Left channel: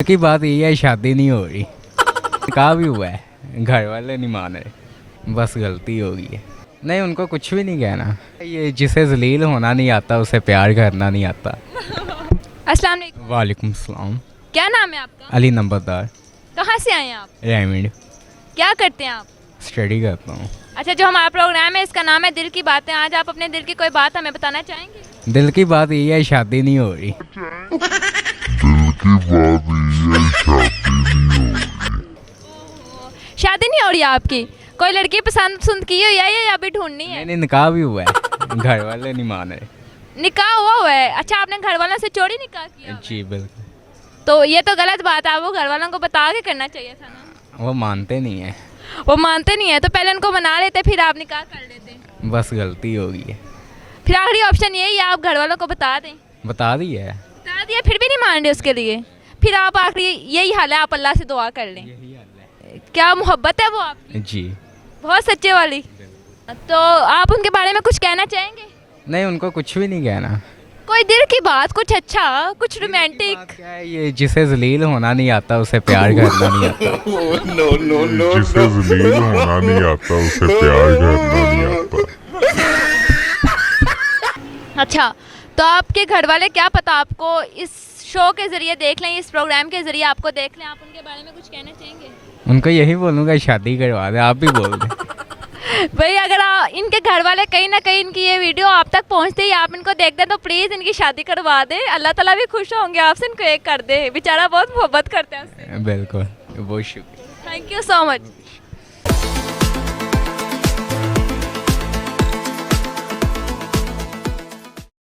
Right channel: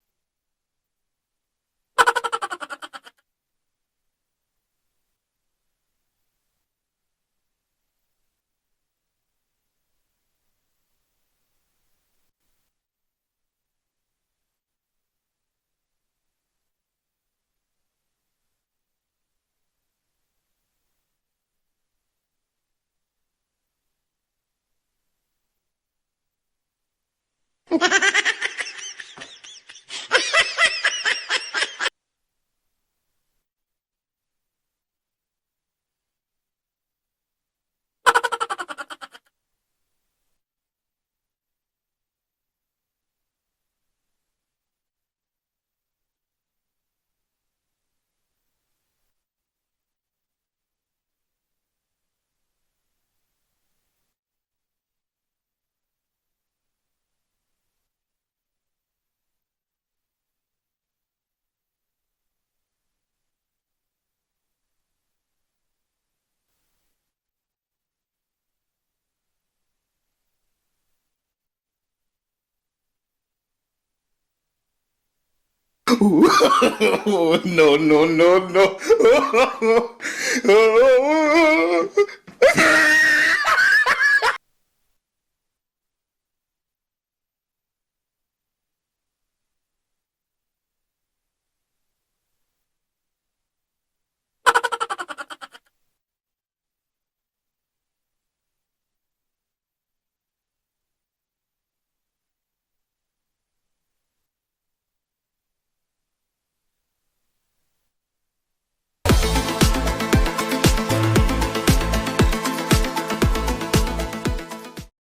की बात ये है, शादी नहीं हो रही। कहा भी हुआ है, घर वाले नहीं मान रहे, बस गलती हो गई है। नहीं, उनको कुछ भी नहीं कहना। ये जिसे जलील होना नहीं आता उसे प्यार करना नहीं आता। अस्सलाम वालेकुम। वालेकुम सलाम। क्या नाम है आपका? अली नंबरदार, कहाँ से आए हैं आप? रेमिड। क्या करते हैं आप? स्टडी करता हूँ। अच्छा, जो हमारा प्रोग्राम है इसका नाम है दिल की बातें। आज आप अपने दिल की कोई बात हमें बताना चाहेंगे? दिल की बात ये है, शादी नहीं हो रही। शादी नहीं हो रही आपकी? कोई लड़की पसंद की हो या ये अभी ढूंढनी है? नहीं, निकाह भी हुआ है, घर वाले नहीं मान रहे। निकाह हुआ है? अच्छा, आपने घर वालों से चोरी निकाह किया हुआ है? जी बिल्कुल। तो ये तो गलत बात है, वो घर वालों को बता के करना चाहिए था ना। वो मानते नहीं है, वो मानते नहीं है तो पहले उनको मना लेते, फिर आप निकाह कर लेते। बस गलती हो गई है। फिर आखिरी ऑप्शन यही है, आप घर वालों को बता दें। बता दी है। बता दिया फिर भी नहीं मान रहे उसके लिए, फिर आप आखिरी यही हाल है, आप अल्लाह से दुआ कर लें। यही हाल है। क्या मोहब्बत है वो आपकी? जी। बहुत सच्चे वाली। तो आप उनके बारे में कुछ कहना चाहेंगे? नहीं, उनको कुछ भी नहीं कहना। कोई दिल की बात, कुछ अच्छा, कुछ रोमांटिक। बात क्या है, ये जिसे जलील होना नहीं आता उसे प्यार करना नहीं आता। नो नो नो जिसे जलील होना नहीं आता उसे प्यार करना नहीं आता। अच्छा, तो आपके घर वाले क्या पता आपको इस शो के जरिए देख लें, इस प्रोग्राम के जरिए आपको देख लें, आप उनके बारे में कुछ कहना चाहेंगे? उनको यही बोलूँगा, शादी करवा दे। आप भी बोल दें। भाई, अगर इनके घर वाले कहीं ना कहीं इनकी ये वीडियो आप तक पहुंचते ही आप इनको देखते हैं तो प्लीज़ इनकी शादी करवा दें। अल्लाह ताला भी खुश होंगे आपसे, इनको एक कर दे। बेचारा बहुत मोहब्बत करते हैं उससे। बिल्कुल, बहुत शुक्रिया। Thank you so much.